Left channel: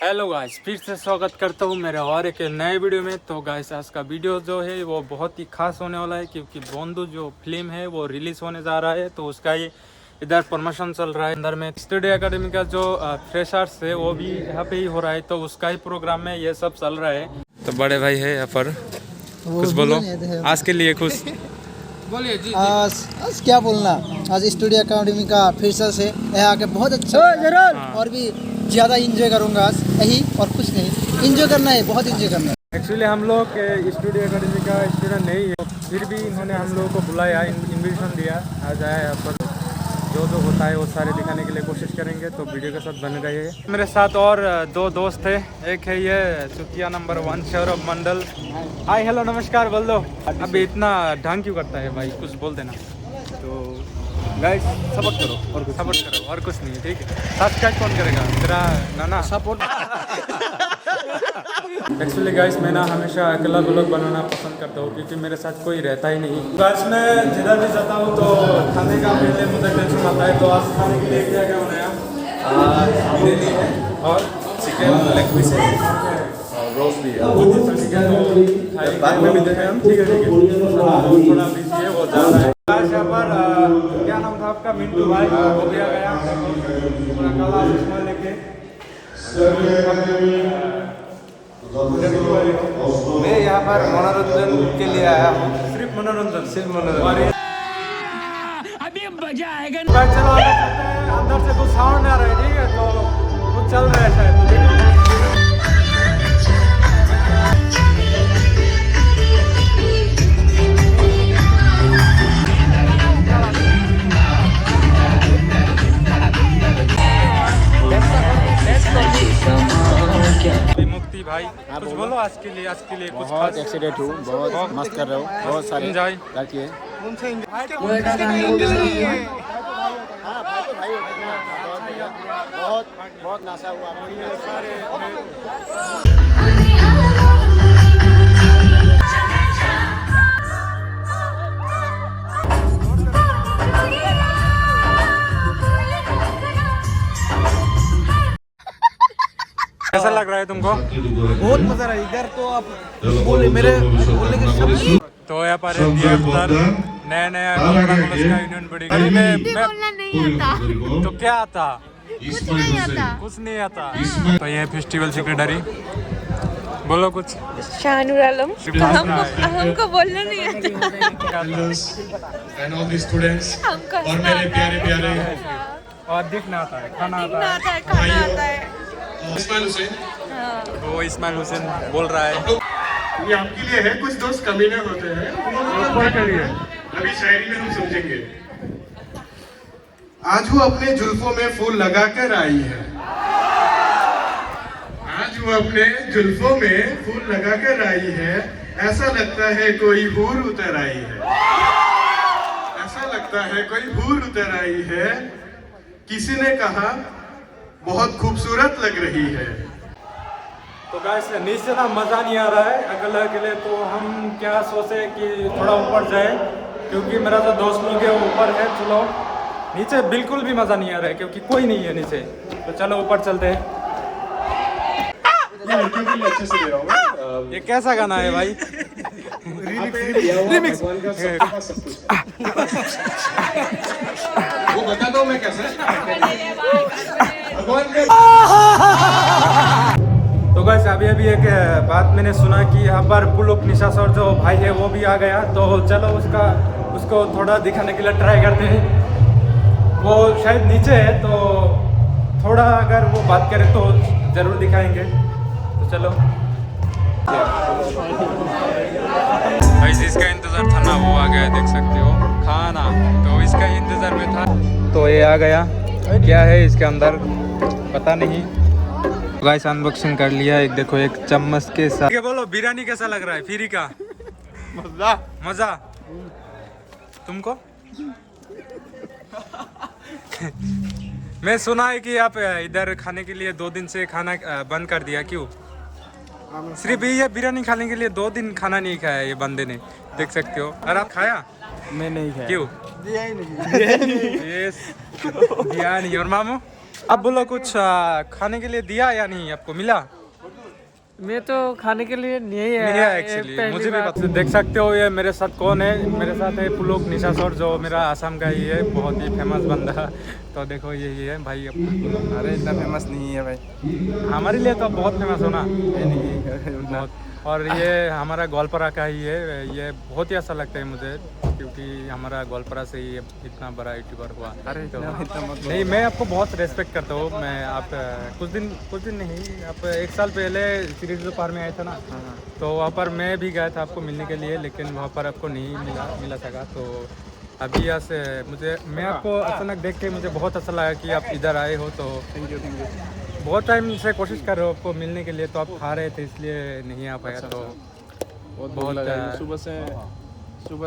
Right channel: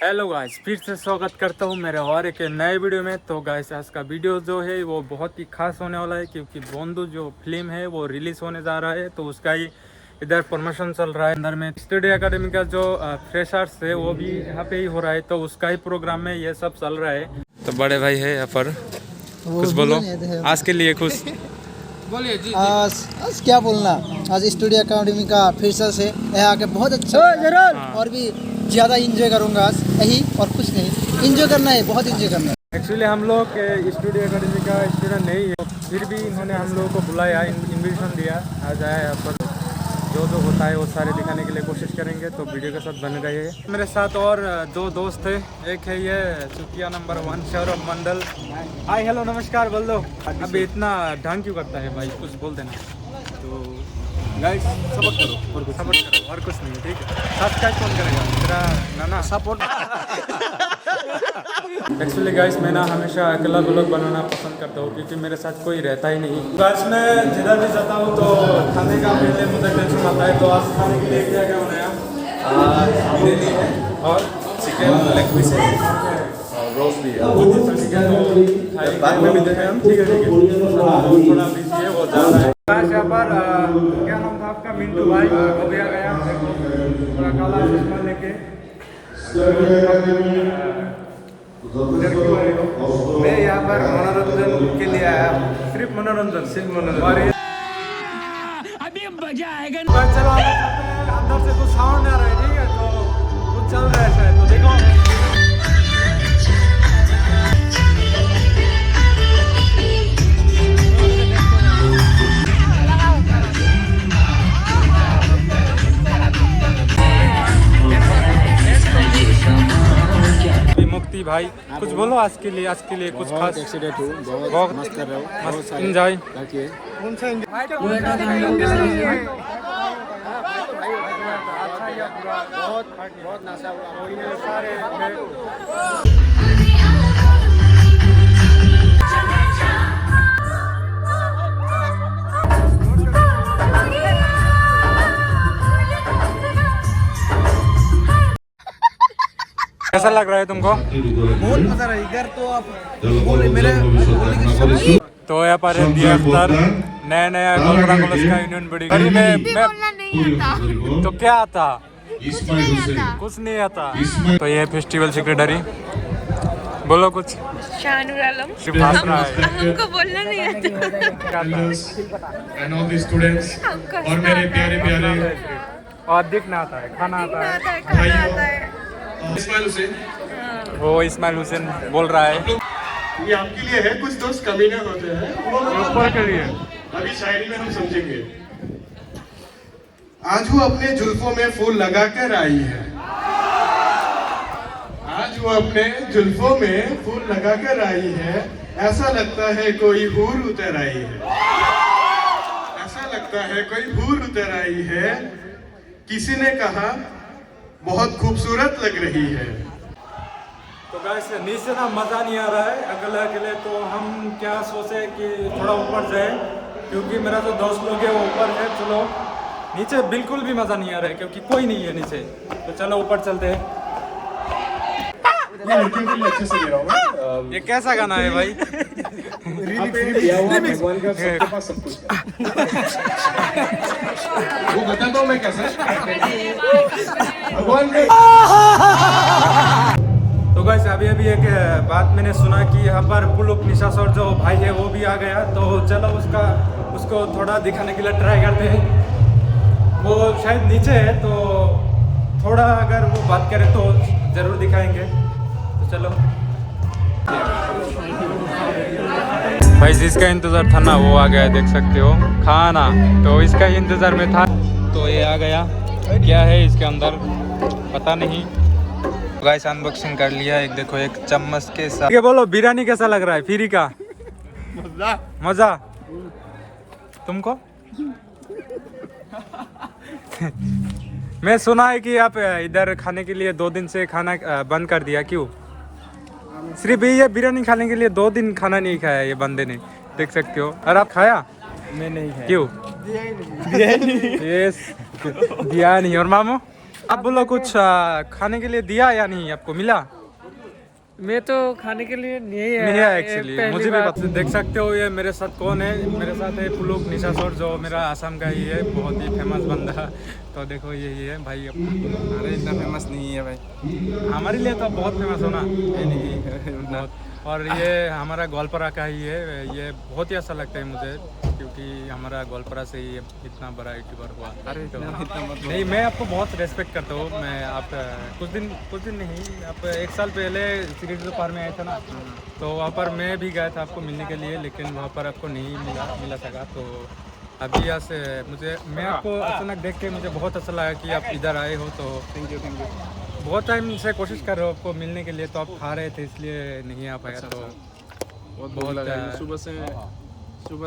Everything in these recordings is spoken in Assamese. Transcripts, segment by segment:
हेलो गाइस, फिर से स्वागत करता हूँ मेरे और एक नए वीडियो में। तो गाइस आज का वीडियो जो है वो बहुत ही खास होने वाला है, क्योंकि बंधु जो फिल्म है वो रिलीज़ होने जा रहा है। तो उसका ही इधर प्रमोशन चल रहा है। अंदर में स्टूडियो एकेडमी का जो फ्रेशर्स है वो भी यहाँ पे ही हो रहा है, तो उसका ही प्रोग्राम में ये सब चल रहा है। तो बड़े भाई है यहाँ पर, कुछ बोलो आज के लिए खुश बोलिए जी। आज क्या बोलना, आज स्टूडियो एकेडमी का फ्रेशर्स है, यहाँ आके बहुत अच्छा और भी ज़्यादा इंजॉय करूँगा आज यही, और कुछ नहीं, इंजॉय करना है, बहुत इंजॉय करना है। एक्चुअली हम लोग स्टूडियो एकेडमी का स्टूडेंट नहीं है, फिर भी इन्होंने हम लोगों को बुलाया, इन्विटेशन दिया, आ जाए यहाँ पर जो जो होता है वो सारे दिखाने के लिए कोशिश करेंगे। तो वीडियो के साथ बन गए हैं। मेरे साथ और दो दोस्त थे, एक है ये चुतिया नंबर 1 सौरभ मंडल। हाय हेलो नमस्कार बोल दो। अभी इतना ढंग क्यों करता है भाई, कुछ बोल देना। तो गाइस सपोर्ट करो और कुछ सपोर्ट करो और कुछ नहीं है, ठीक है। सब्सक्राइब कौन करेगा, तेरा नाना सपोर्ट। एक्चुअली गाइस मैं ना हमेशा अकेला व्लॉग बनाना पसंद करता हूँ, क्योंकि मेरे साथ कोई रहता ही नहीं। गाइस मैं जिधर भी जाता हूँ तो खाने का पहले मुझे टेंशन आता है। तो आज खाने के लिए क्या क्या बनाया? बिरयानी है और चिकन लेग पीस है और रोस्ट भी है। चिकन बाद में भी देखें हम, ठीक है ठीक है। थोड़ा बिजी है, वो जा रहा है। यहाँ पर क्या नाम था आपका? मिंटू भाई हो गया पूरा काला चश्मा लेके। मैं यहाँ पर मनोरंजन के लिए आया हूँ, सिर्फ मनोरंजन। अभी मजा आएगा। चलो अंदर से कुछ साउंड आ रहा है, ठीक है, तो कुछ चल रहा है शायद, तो देखो। मुक्ति भाई कुछ बोलो आज के लिए कुछ खास। एक्साइटेड हूँ, बहुत मस्त कर रहे हो, बहुत सारे एंजॉय ताकि बहुत नाशा हुआ सारे। कैसा लग रहा है तुमको? बहुत मजा रहा है इधर। तो आप मेरे बोलने की तो यहाँ पर दिया अख्तर, नया नया का यूनियन बड़ी में। तो क्या आता? कुछ नहीं आता। तो ये फेस्टिवल सेक्रेटरी बोलो कुछ। शाहनुर आलम। सिर्फ हंसना है, हमको बोलना नहीं आता। और मेरे प्यारे प्यारे और दिखना आता है, खाना आता है, खाना आता है। इस्माइल हुसैन, वो इस्माइल हुसैन बोल रहा है। ये आपके लिए है, कुछ दोस्त कमीने होते हैं ऊपर के लिए। अभी शायरी में हम समझेंगे। आज वो अपने जुल्फों में फूल लगा कर आई है, आज वो अपने जुल्फों में फूल लगा कर आई है, ऐसा लगता है कोई हूर उतर आई है, ऐसा लगता है कोई हूर उतर आई है। किसी ने कहा बहुत खूबसूरत लग रही है। तो गाइस नीचे ना मज़ा नहीं आ रहा है अकेले अकेले, तो हम क्या सोचे कि थोड़ा ऊपर जाए, क्योंकि मेरा जो दोस्त लोग है वो ऊपर है। चलो नीचे बिल्कुल भी मज़ा नहीं आ रहा है, क्योंकि कोई नहीं है नीचे। तो चलो ऊपर चलते हैं। ये कैसा गाना है भाई? वो बता दो मैं कैसे। तो गाइस अभी एक बात मैंने सुना कि यहाँ पर पुलुक निशासर जो भाई है वो भी आ गया। तो चलो उसको थोड़ा दिखाने के लिए ट्राई करते हैं। वो शायद नीचे है, तो थोड़ा अगर वो बात करे तो ज़रूर दिखाएंगे। तो चलो भाई, जिसका इंतज़ार था ना वो आ गया, देख सकते हो खाना। तो इसका इंतज़ार में था, तो ये आ गया। क्या है इसके अंदर पता नहीं। गाइस अनबॉक्सिंग कर लिया। एक देखो, एक चम्मच के साथ। ये बोलो बिरयानी कैसा लग रहा है? फ्री का मजा तुमको? मैं सुना है कि आप इधर खाने के लिए 2 दिन से खाना बंद कर दिया, क्यों? सिर्फ ये बिरयानी खाने के लिए 2 दिन खाना नहीं खाया ये बंदे ने, देख सकते हो। और आप खाया? मैं नहीं खाया। क्यों? दिया नहीं। और मामू आप बोलो कुछ खाने के लिए दिया या नहीं, आपको मिला? मैं तो खाने के लिए नहीं नहीं आया है एक्चुअली, मुझे भी पता। देख सकते हो ये मेरे साथ कौन है, मेरे साथ है पुलक निशासर, जो मेरा आसाम का ही है, बहुत ही फेमस बंदा। तो देखो यही है भाई अपना। अरे इतना फेमस नहीं है भाई, हमारे लिए तो बहुत फेमस हो ना। बहुत। और ये हमारा गोलपारा का ही है, ये बहुत ही अच्छा लगता है मुझे, क्योंकि हमारा गोलपारा से ही इतना बड़ा यूट्यूबर हुआ। अरे तो नहीं, मैं आपको बहुत रेस्पेक्ट करता हूँ। मैं आप कुछ दिन नहीं, आप 1 साल पहले सीरीज पार में आए थे ना, तो वहाँ पर मैं भी गया था आपको मिलने के लिए, लेकिन वहाँ पर आपको नहीं मिला सका। तो अभी यहाँ से मैं आपको अचानक देख के मुझे बहुत अच्छा लगा कि आप इधर आए हो। तो थैंक यू। बहुत टाइम से कोशिश कर रहे हो आपको मिलने के लिए, तो आप खा रहे थे इसलिए नहीं आ पाया। तो बहुत लगा।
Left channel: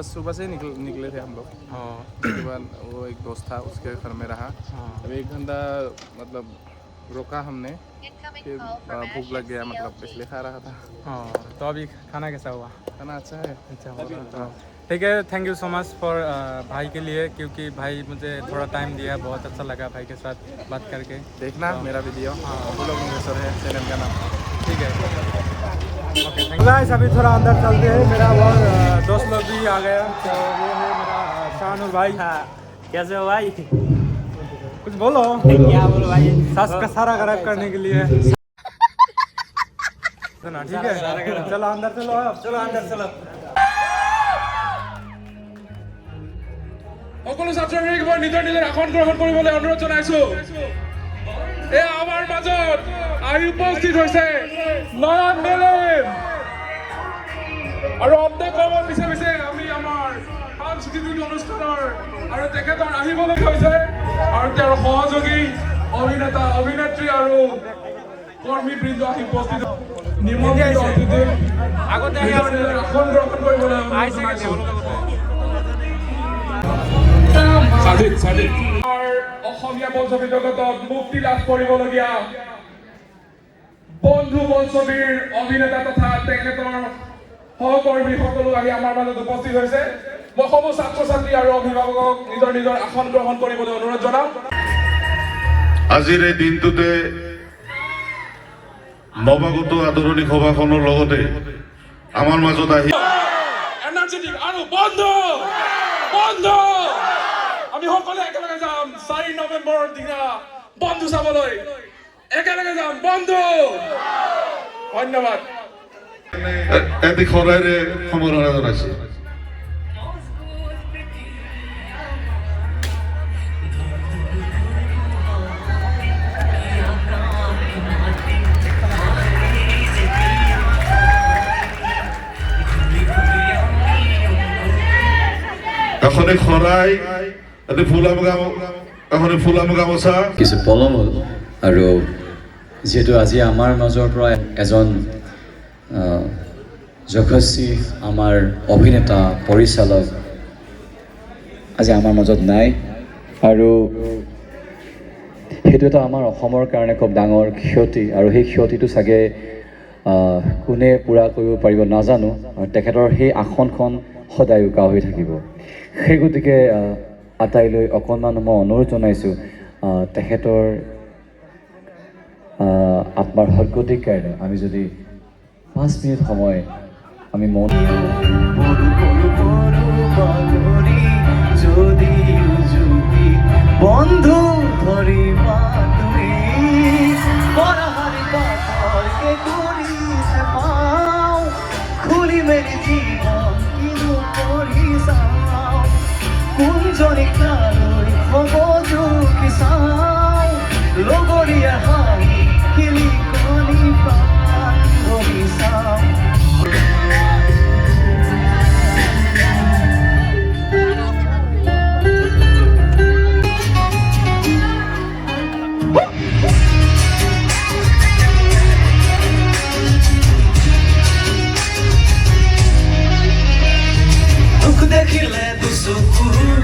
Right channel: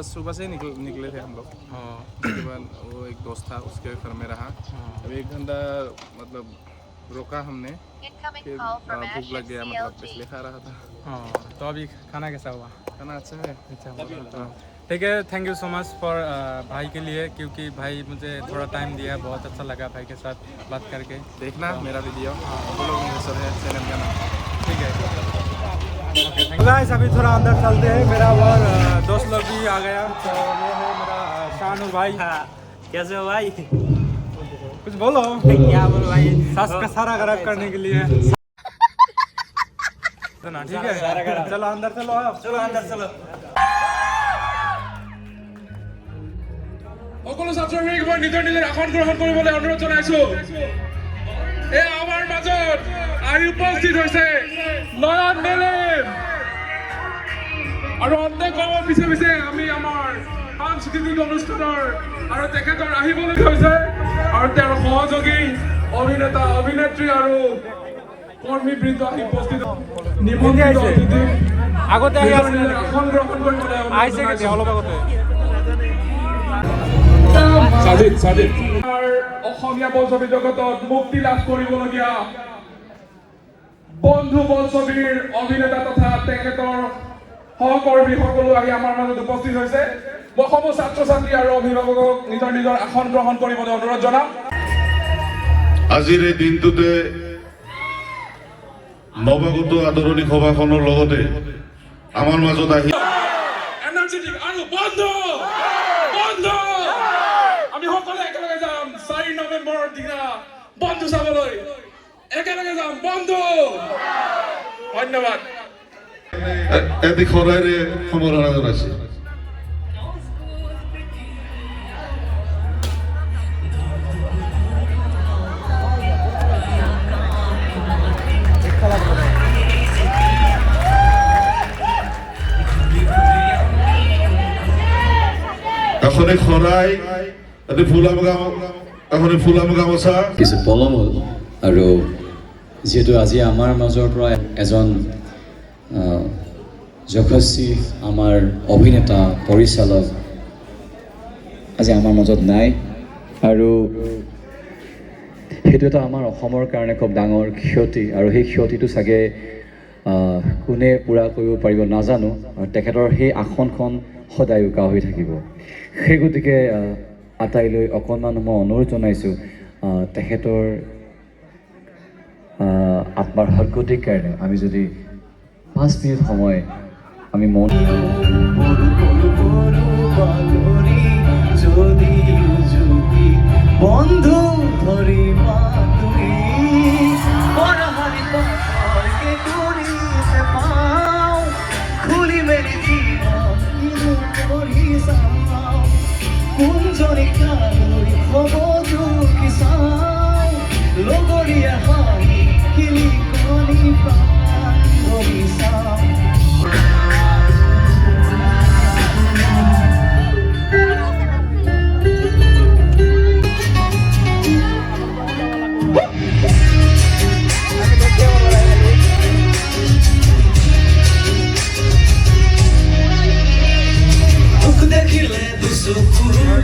सुबह से निकले थे हम लोग। हाँ उसके बाद वो एक दोस्त था, उसके घर में रहा। अब 1 घंटा मतलब रोका हमने, फिर भूख लग गया, मतलब इसलिए खा रहा था। हाँ। तो अभी खाना कैसा हुआ? खाना अच्छा है। अच्छा, ठीक है। Thank you so much for भाई के लिए, क्योंकि भाई मुझे थोड़ा टाइम दिया, बहुत अच्छा लगा भाई के साथ बात करके। देखना मेरा वीडियो, पुलक निशासर है चैनल का नाम। ठीक है, ओके, थैंक यू। अभी थोड़ा अंदर चलते हैं, मेरा और दोस्त लोग भी आ गया। तो ये है मेरा शाहनुर भाई। कैसे हो भाई? कुछ बोलो। क्या बोलो भाई? सास का सारा खराब करने के लिए सुना, ठीक है। चलो अंदर चलो, आप चलो अंदर चलो। সকলো ছাত্ৰছাত্ৰীক মই নিজৰ আসন গ্ৰহণ কৰিবলৈ অনুৰোধ জনাইছো। এই আমাৰ মাজত আহি উপস্থিত হৈছে নয়ন মেলেম, আৰু অন্তকমৰ পিছে আমি আমাৰ সাংস্কৃতিক অনুষ্ঠানৰ আৰু তেখেতৰ আহিবলৈ হৈছে, আৰু তেওঁৰ সহযোগী অভিনেতা অভিনেত্ৰী আৰু কৰ্মীবৃন্দ আহি উপস্থিত। নিমন্ত্ৰিত অতিথিক আগতে আহি আছিলে নেকি? আসন গ্ৰহণ কৰিবলৈ আহিছে কেতিয়া? অলপ আগতে। সাজিদ অসমীয়া বোলছবি জগতত মুক্তি লাভ কৰিবলগীয়া বন্ধু বোলছবিৰ অভিনেতা তথা তেখেতৰ সহকৰ্মী সকলো আহি আমাৰ মাজত উপস্থিত হৈছে। মই সমূহ ছাত্ৰ ছাত্ৰী আৰু অভিভাৱকক নিজৰ আসন গ্ৰহণ কৰিবলৈ অনুৰোধ জনাওঁ। আজিৰ এই দিনটোতে নৱাগত আদৰণি সভাখনৰ লগতে আমাৰ মাজত আহি এনাৰ্জেটিক আৰু বন্ধু আমি সকলোৱে একেলগে যাম 4 নৱেম্বৰৰ দিনা বন্ধু চাবলৈ, একেলগে যাম বন্ধু। ধন্যবাদ। এটি খৰাইৰে সম্বৰ্ধনা জনাইছে। এখনে খৰাই, এটি ফুলাম গামোচা। কিছু পলম হ'ল, আৰু যিহেতু আজি আমাৰ মাজৰ পৰা এজন যশস্বী আমাৰ অভিনেতা পৰিচালক আজি আমাৰ মাজত নাই, আৰু সেইটো এটা আমাৰ অসমৰ কাৰণে খুব ডাঙৰ ক্ষতি, আৰু সেই ক্ষতিটো চাগে কোনে পূৰা কৰিব পাৰিব নাজানো। তেখেতৰ সেই আসনখন সদায় উকা হৈ থাকিব। সেই গতিকে আটাইলৈ অকণমান মই অনুৰোধ জনাইছোঁ, তেখেতৰ আত্মাৰ সদ্গতিৰ কাৰণে আমি যদি 5 মিনিট সময় আমি মন বন্ধু ধৰিবা তুমি খুলি মেলি জীৱন কিনো কৰি চাওঁ, কোনজনী কালৈ হ'ব দুখী চাওঁ, লগৰীয়া হাঁহি কিলি কণী প্ৰাণ ধৰি চাওঁ। দেখিলে দুচকুৰ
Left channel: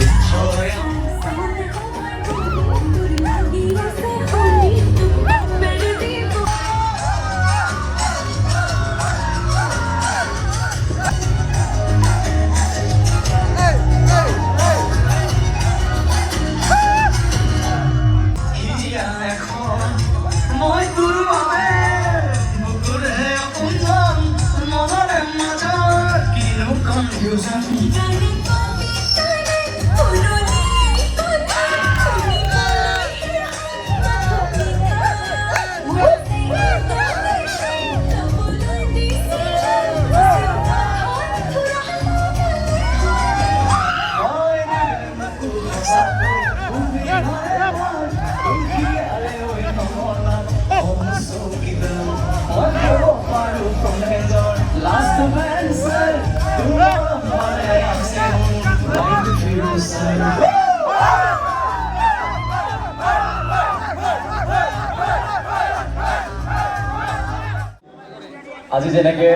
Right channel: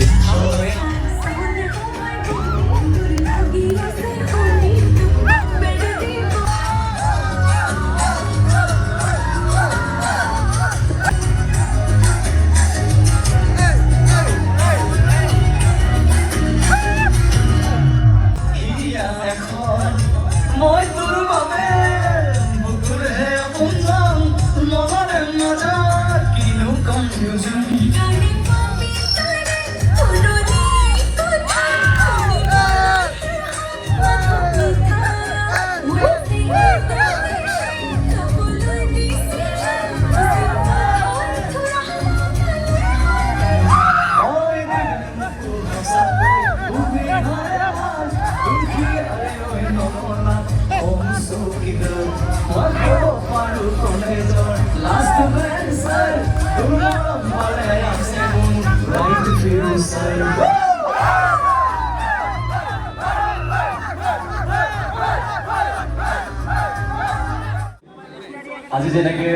আজি যেনেকে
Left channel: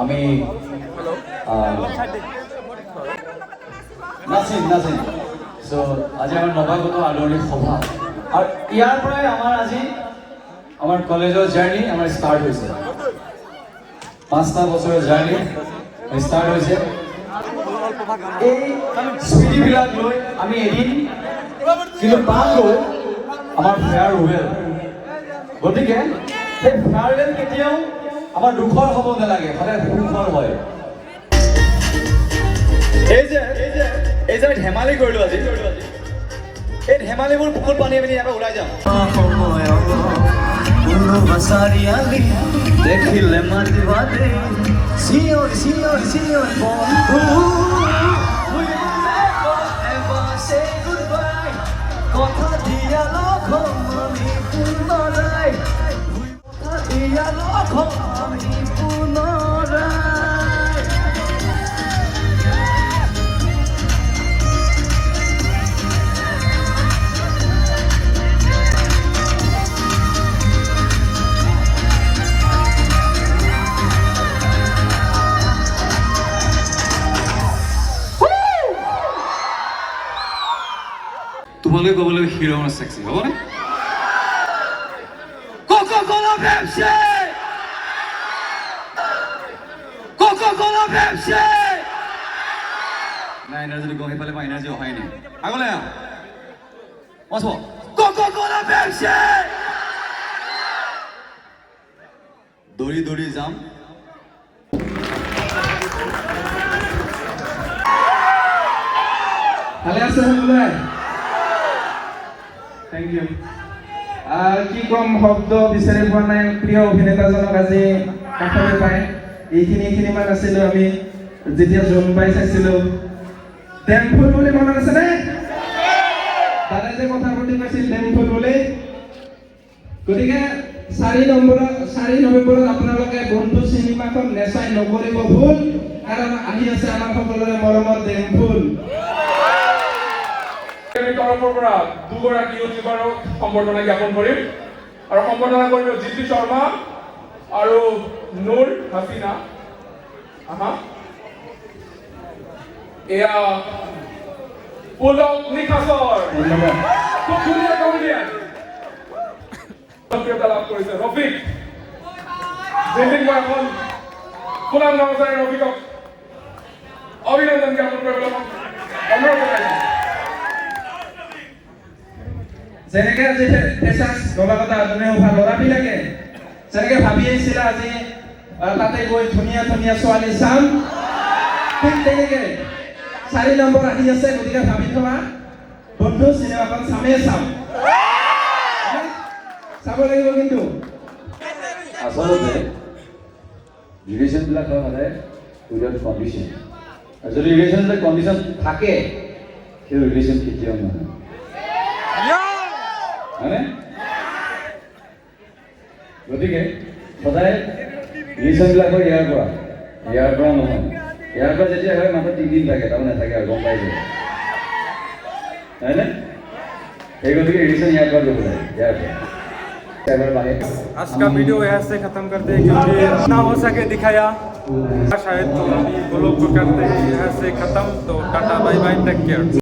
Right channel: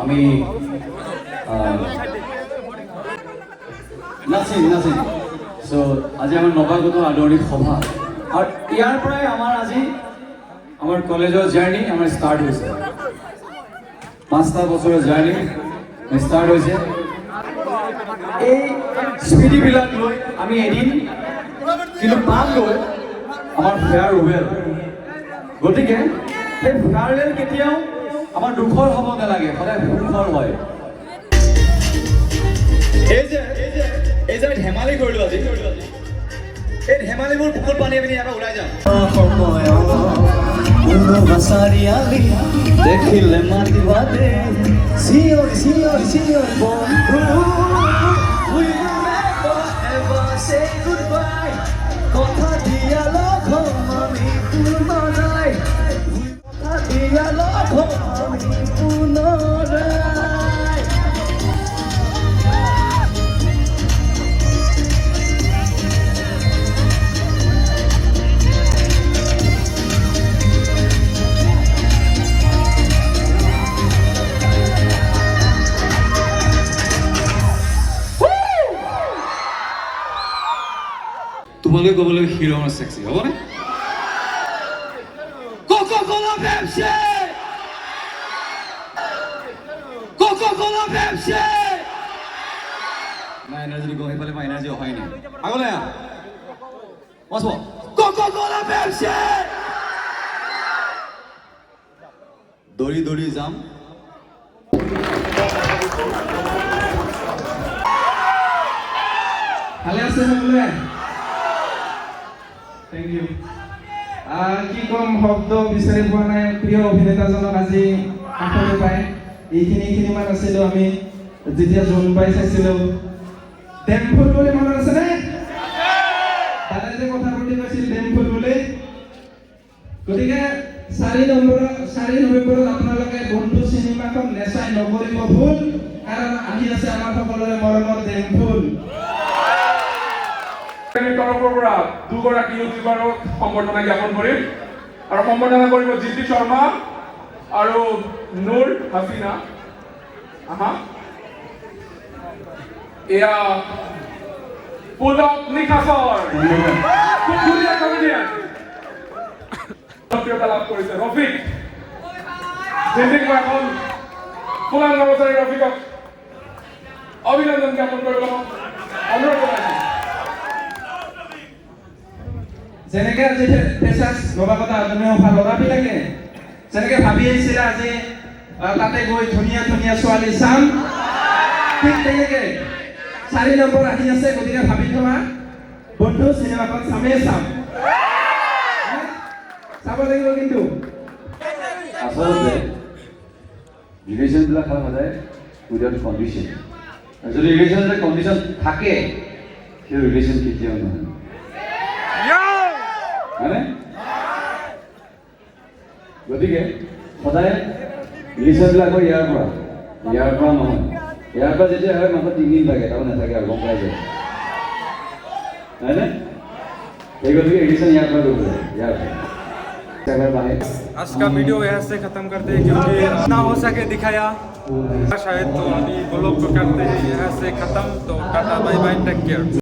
আমি নাচিম চ' আজি আমাৰ নৱাগত আদৰণি সভা আৰু ইয়াৰ পৰাই আমাৰ কলেজৰ জাৰ্ণি আমাৰ ষ্টাৰ্ট হৈছে 5টা বছৰৰ জাৰ্ণি ষ্টাৰ্ট হৈছে এই স্মৃতিবিলাক লৈ আমি এদিন কিন্তু পাম লৈ আমাৰ ফেয়াৰৱেল গতিকে সেই ফেয়াৰৱেল কেতিয়াও আমাৰ দুখৰ হ'ব নালাগে সদায় সুখৰ হয় এই যে ধেমালি কৰিলোঁ আজি এই ধেমালিবোৰ পুখুৰ পানী আমি ইয়াৰ পৰা ওলাই যাওঁ দেখিলে মাতিবা দে চিঞৰ বন্ধু কথা দিয়া লগ পুনৰাই দিয়া লগ পুনৰাই তোমালোকে ক'ব লাগে হিৰো আমাৰ সেক্সি হ'বনে কোকা-কোলা পেপচি কোকা-কোলা পেপচি নাই এনাৰ্জি গৈ সেইফালে মই এনাৰ্জি অহাই নাই আগলৈ আহ মছ কোকা-কোলা পেপচি দৌৰি যাম ভালে আছে সকলোৱে থেংক ইউ কি কম শব্দ বিচাৰি পোৱা নাই প্ৰিয় অভিনেতাজনক আজি কাষলৈ পাই এইখিনিমান আছিলোঁ আমি যেতিয়া জোন পাই চাইছিলোঁ ডেমফুল বুলি মনত আছে নে দাদা যে কথা পাতি কৈছিল ডেমফুল বুলি গতিকে 4 নৱেম্বৰত আপোনালোকে বন্ধু চিনেমাখন নেচাই নকৰিব ভুল কাৰণ আহি আছে আমাৰ সকলোৰে মৰমৰ ডেমফুল তৰফৰ পৰা দুগৰাকী ইউটিউবাৰক সম্বৰ্ধনা জ্ঞাপন কৰিম আৰু সম্বৰ্ধনা কৰিব জিতি শৰ্মা আৰু নুৰ হাসিনা এয়া পুলক নিখাছৰ খুব ধুনীয়া কমেডিয়ান জনপ্ৰিয়তা লাভ কৰিছে ৰফিক এখন পুলান নৱচাৰী ৰফিকক অভিনন্দন জ্ঞাপন কৰিবলৈ অনুৰোধ জনাইছোঁ যেনেকে আজি ফেচাৰ্ছ নৱাগত আদৰণি সভা ল'ৰাবিলাকে যেনেকে ভাবি আহিছিলে আজি তাতে গৈ ধুনীয়া ছোৱালী চাম ঠিক তেনেকে 4 নম্বৰ আহি আছে গতিকে ভাবি থকা বন্ধু চিনেমাখন চামেই চাম চাব লাগিব কিন্তু আচলতে ৰিলেশ্যনবিলাক হয় সদায় উইদাউট কণ্ডিশ্যন আৰু যদি ৰিলেশ্যন যদি কণ্ডিশ্যন থাকে সেই ৰিলেশ্যন কেতিয়াও নহয় হয়নে গতিকে সদায় ৰিলেশ্যনবিলাক হয় ইয়াৰ পৰা নহয় ইয়াৰ পৰা যেতিয়া হয় মাত্ৰ 3 দিন লাগে তাৰমানে নাথাকে আৰু গম পাই যায় হয়নে সেই গতিকে ৰিলেশ্যন ইয়াৰ পৰা কৰিব লাগে ইয়াৰ পৰা आज का वीडियो यहाँ से ख़त्म करते हैं क्योंकि ना हो सके दिखाया शायद तो अभी वो लोग को करते हैं यहाँ से ख़त्म तो tata bye bye take care